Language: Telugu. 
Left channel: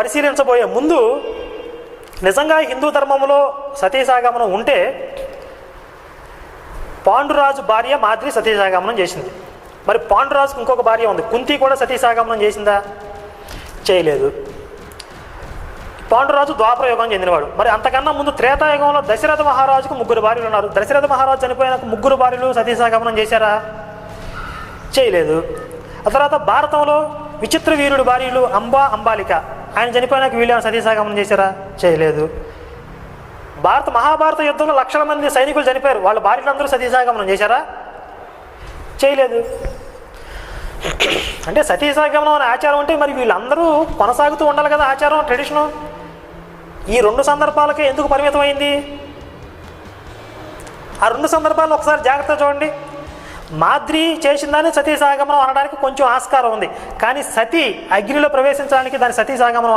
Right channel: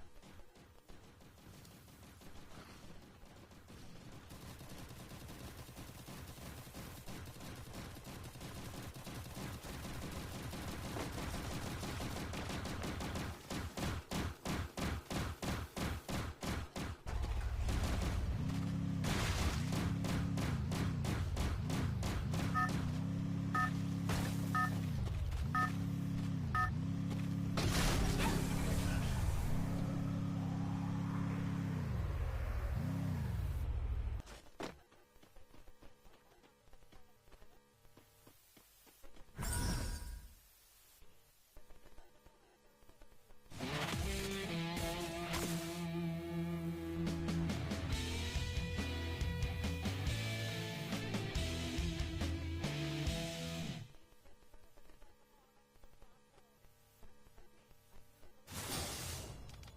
పరిశీలించబోయే ముందు నిజంగా హిందూ ధర్మంలో సతీసాగమనం ఉంటే పాండురాజు భార్య మాద్రి సతీసాగమనం చేసింది. మరి పాండురాజుకు ఇంకొక భార్య ఉంది, కుంతి కూడా సతీసాగమనం చేసిందా? చేయలేదు. పాండురాజు ద్వాపరయుగం చెందినవాడు. మరి అంతకన్నా ముందు త్రేతాయుగంలో దశరథ మహారాజుకు 3 భార్యలు ఉన్నారు. దశరథ మహారాజు చనిపోయినాక 3 భార్యలు సతీసాగమనం చేశారా? చేయలేదు. ఆ తర్వాత భారతంలో విచిత్ర వీరుడు భార్యలు అంబా, అంబాలిక, ఆయన చనిపోయినాక వీళ్ళు సతీసాగమనం చేశారా? చేయలేదు. మహాభారత యుద్ధంలో లక్షల మంది సైనికులు చనిపోయారు, వాళ్ళ భార్యలందరూ సతీసాగమనం చేశారా? చేయలేదు. అంటే సతీసాగమనం అనే ఆచారం అంటే మరి వీళ్ళందరూ కొనసాగుతూ ఉండాలి కదా ఆచారం, ట్రెడిషను. ఈ 2 సందర్భాలకే ఎందుకు పరిమితం అయింది? ఆ 2 సందర్భాలను ఒకసారి జాగ్రత్తగా చూడండి. మాద్రి చేసిందని సతీసాగమనం అనడానికి కొంచెం ఆస్కారం ఉంది, కానీ సతీ అగ్నిలో ప్రవేశించడానికి దాని సతీసాగమనం